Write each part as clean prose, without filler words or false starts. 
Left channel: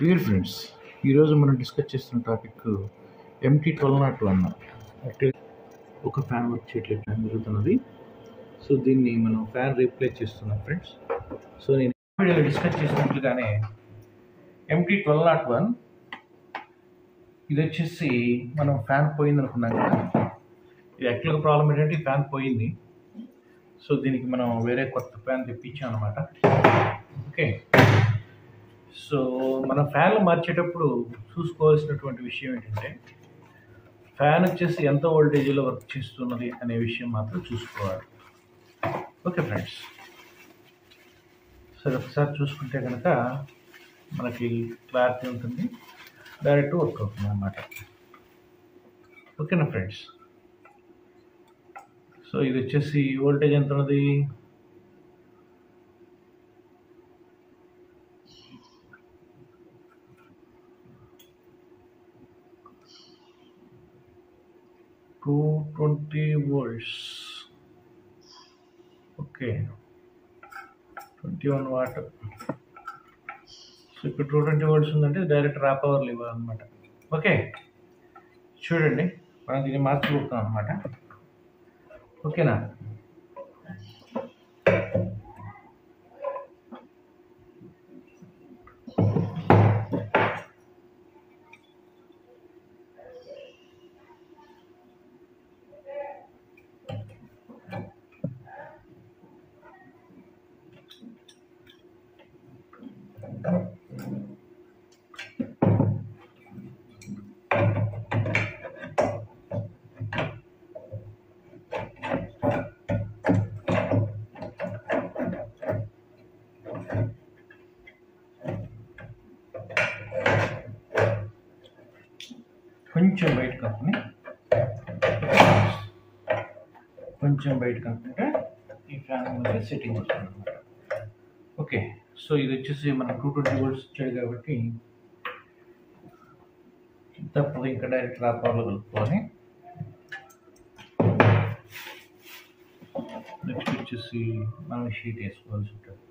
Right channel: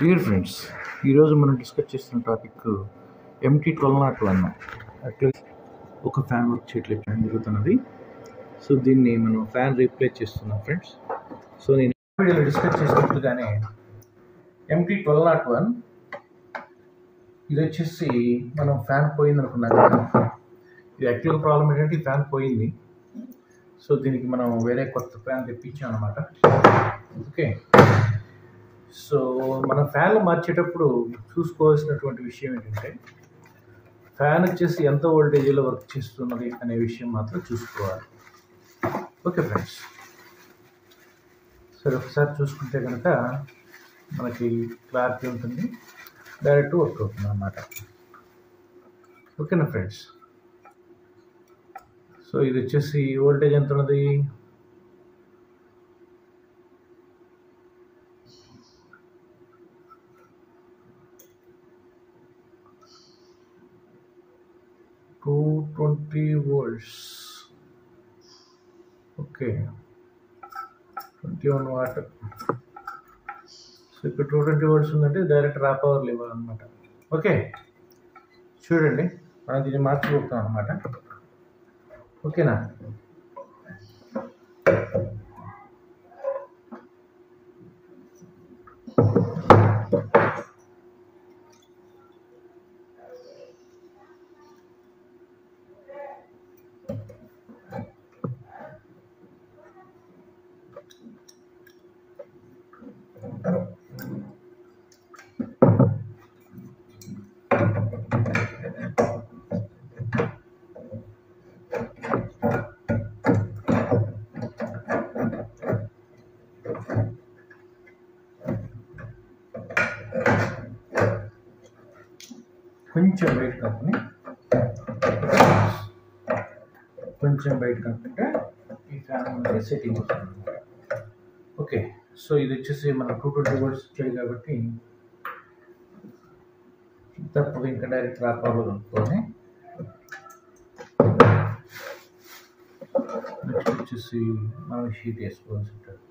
Dear friends, ఈరోజు మనం discuss చేస్తున్న టాపిక్ MT-1201. యాక్చువల్లీ ఒక ఫ్యాన్ వర్క్ చేయట్లేదు జరుగుతున్నది. సో దీన్ని మనం ఫ్యాన్ రీప్లేస్ చేస్తున్నాం ఫ్రెండ్స్. సో నేను వీడియోలో డిస్కస్ చేసినట్లుగానే MT-1201 ఇది వచ్చేసి మనం ఫ్యాన్ పోయింది అనుకున్నాం కదా. ఇది యాక్చువల్గా ప్రాబ్లం ఏంటంటే ఈ ఫ్యాన్ పోయింది. సో దీనికి మనం వేరే కొత్త ఫ్యాన్ తెప్పించాం అనమాట. ఓకే, సో మన ఫ్యాన్లు మార్చేటప్పుడు చూసుకోవాల్సినటువంటి విషయం ఏంటంటే ఫ్యాన్ వచ్చేసి ఎంత వోల్టేజ్లో వర్క్ చేస్తున్నది అనే విషయం మాత్రం చూసుకోవాలి. ఓకే ఫ్రెండ్స్, సరే ఒకసారి చూసుకుంటే కనుక మనకి క్లారిటీ ఉంటుంది, డైరెక్ట్ వర్క్ అవుతుంది అన్నమాట. ఓకేనా ఫ్రెండ్స్? సో ఇది వచ్చేసి వోల్టేజ్ ఎంత ఉన్నది, two 20 volts. Okay, 21 what. So ఇక్కడ 220 volts ఉందంటే డైరెక్ట్ రా పవర్లు ఇవ్వాలన్నమాట. ఓకే, చూడండి మనం దీన్ని మార్చిపోతాం అనమాట. ఓకేనా? కొంచెం బయట కనుక్కుంటే ఈ ఫ్యాన్ మనకి సెట్టింగ్ వస్తుంది అనమాట. ఓకే, సో ఇది వచ్చేసి మనం 220 volts ఇచ్చాడు కాబట్టి తప్పదు, ఇంకా డైరెక్ట్ రా పవర్లో కలుపుకొని నెక్స్ట్ వచ్చేసి మనం షీట్ వేసుకోవాల్సి ఉంటుంది.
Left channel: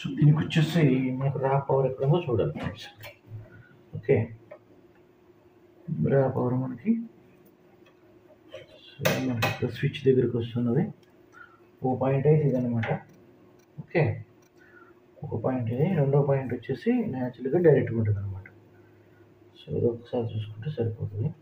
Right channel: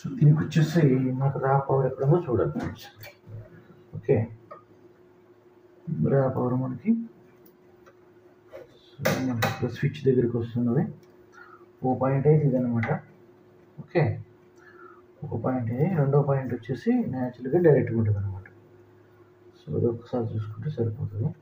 సో దీనికి వచ్చేసి మనకు రా పవర్ ఎక్కడో చూడాలి ఫ్రెండ్స్. ఓకే, రా పవర్ మనకి సో మనకి స్విచ్ దగ్గరికి వస్తున్నది. 0.5 ఇదనమాట. ఓకే, ఒక పాయింట్ ఇది, రెండో పాయింట్ వచ్చేసి న్యాచురల్గా డైరెక్ట్గా ఉంటుంది అనమాట. సో అది ఒకసారి చూసుకుంటే సరిపోతుంది.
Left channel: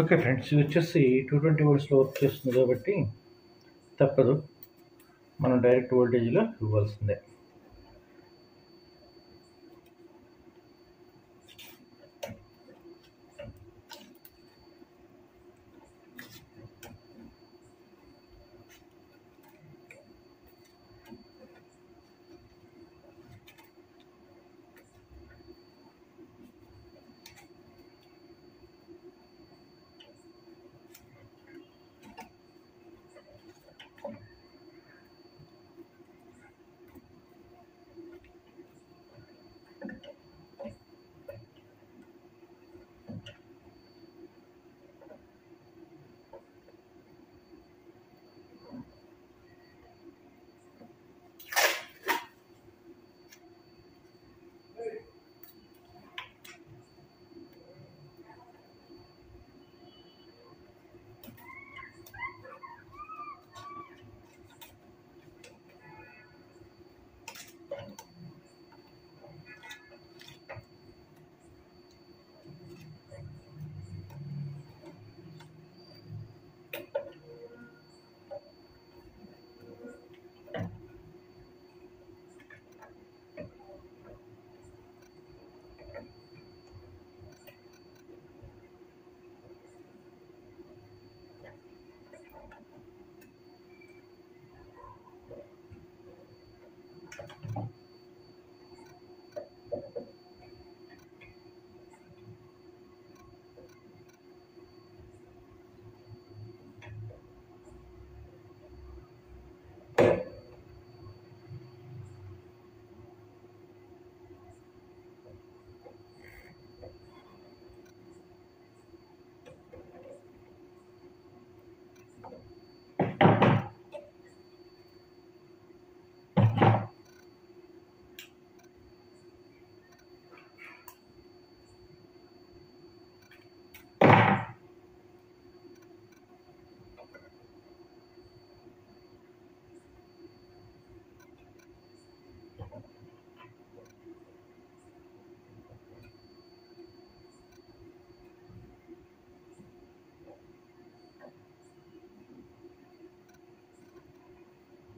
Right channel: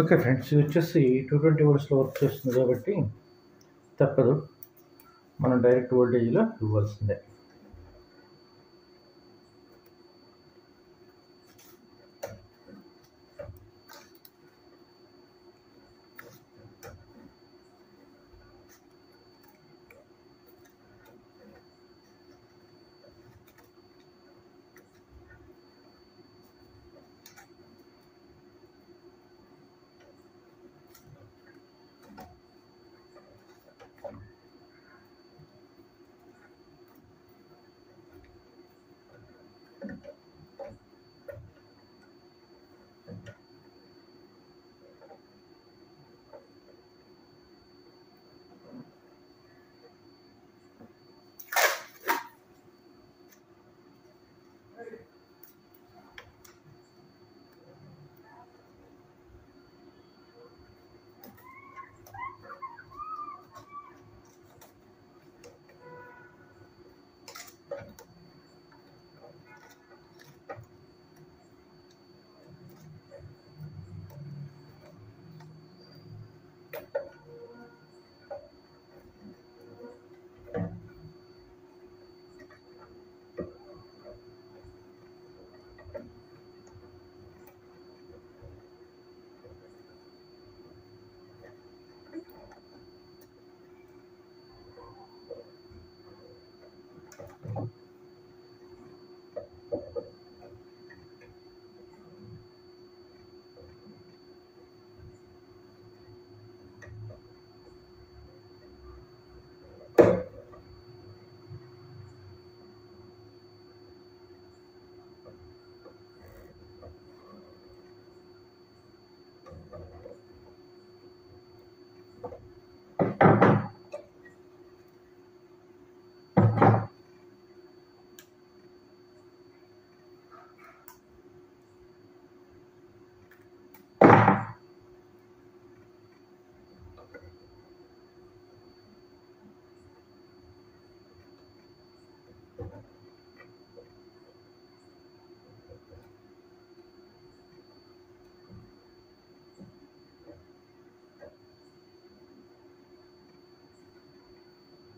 ఓకే ఫ్రెండ్స్, ఇది వచ్చేసి 220 వోల్ట్స్లో వర్క్ చేస్తుంది కాబట్టి తప్పదు, మనం డైరెక్ట్ వోల్టేజ్లో ఇవ్వాల్సిందే.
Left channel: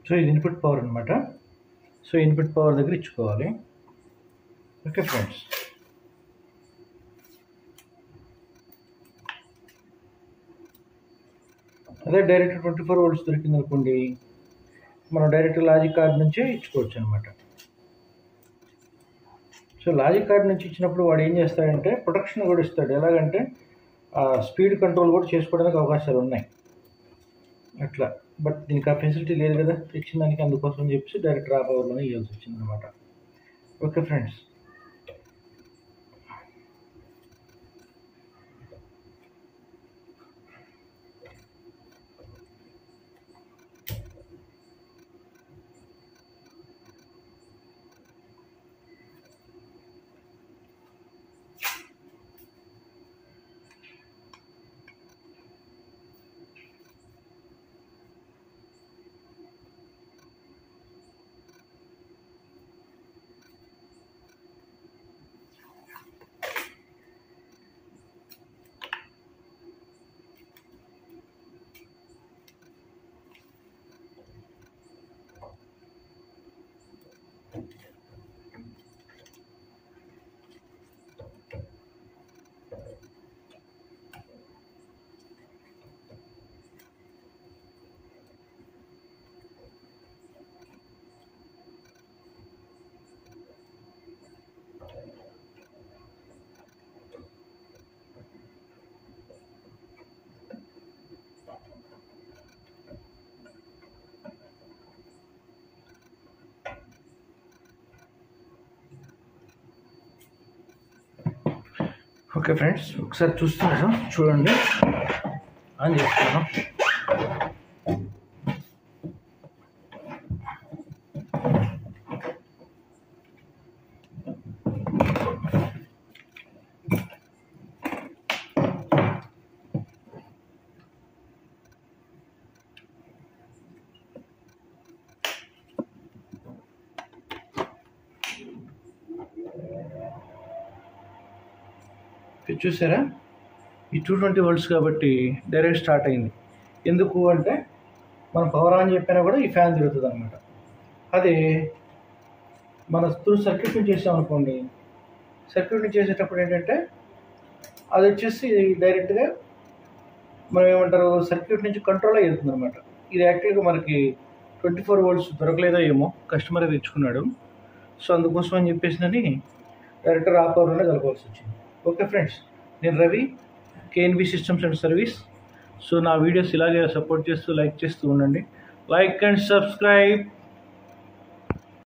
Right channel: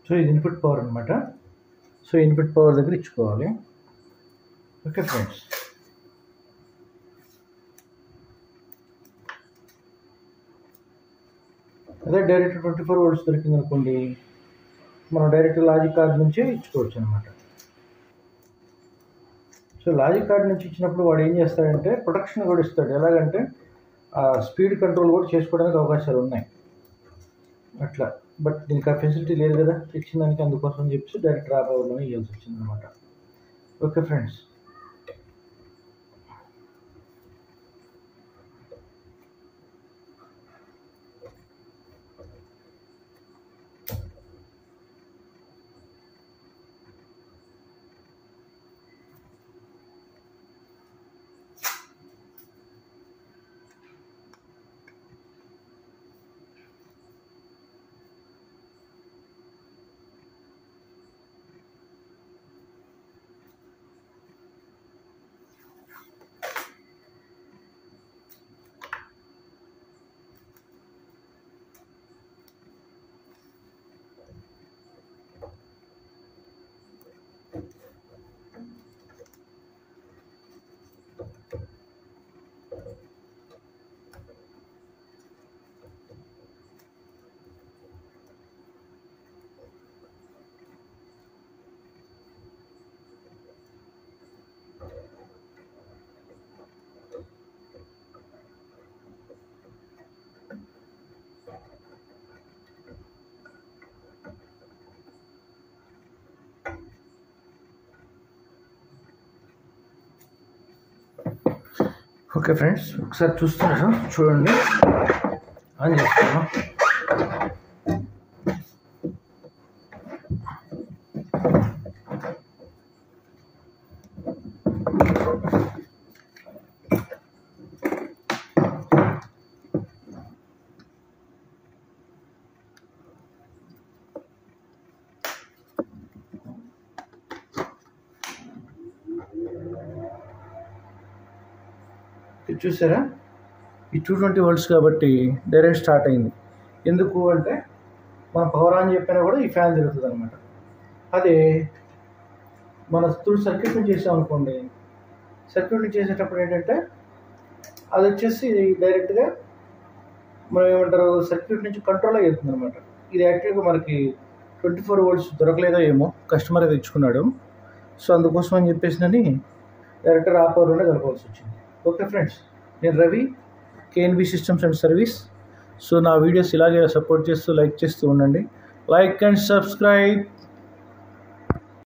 సో ఇది ఇన్పుట్ పవర్ అనమాట. సో ఇన్పుట్ పవర్ దగ్గర ఇచ్చుకోవాలి. ఓకే ఫ్రెండ్స్, అదే డైరెక్ట్ 24 వోల్ట్స్ దొరికింది అనుకోండి, మనం డైరెక్ట్ లాజిక్ కార్డ్ నుంచే ఇచ్చుకోవచ్చు అనమాట. సో లాజిక్ కార్డ్ నుంచి ఇచ్చినప్పుడు వాడు ఏం చేస్తాడంటే ప్రొటెక్షన్ కూడా ఇస్తాడు. ఎలాగంటే స్పీడ్ కంట్రోల్ కూడా చేసుకోవడానికి అవకాశాలు ఉన్నాయి అట్లా. బట్ దీనికి ఆ ఫెసిలిటీ లేదు కదా ఇచ్చిన దానికి, అందుకోసం చెప్పేసి డైరెక్ట్ రా పవర్లోనే ఇవ్వాల్సి వచ్చింది అనమాట. ఓకే ఫ్రెండ్స్, ఓకే ఫ్రెండ్స్, ఒకసారి చూస్తున్నా చూడండి, ఆన్ చేస్తాను. చూసారా, ఈ 220 volts కాబట్టి డైరెక్ట్ స్టార్ట్ అయింది. ఎందుకు అంటే మనం పవర్ ఆన్ చెప్పినా కూడా ఈ ఫ్యాన్ తిరుగుతుంది అనమాట. అదే మన సర్క్యూట్ని చేసామనుకోండి, సర్క్యూట్ని చేసేటప్పుడు ఏంటంటే అది వచ్చేసి డైరెక్ట్గా మనం ఏమంటారు సర్క్యూట్ నుంచి కంట్రోల్ అయ్యేస్తుంది అనమాట. ఇది యాక్చువల్గా మనకి 24 volts దొరకలేదో ఏమో, కస్టమర్ తెచ్చుకున్నాడు. సో అందుకోసం అని చెప్పేసి డైరెక్ట్గా ఆ పవర్లోనే కలపాల్సి వచ్చింది. ఓకే ఫ్రెండ్స్, నేను Ravi, KNB systems and service. So నా వీడియోస్ ఇలాగే సపోర్ట్ చేస్తూ లైక్ చేస్తూ ఉండండి. Like and subscribe.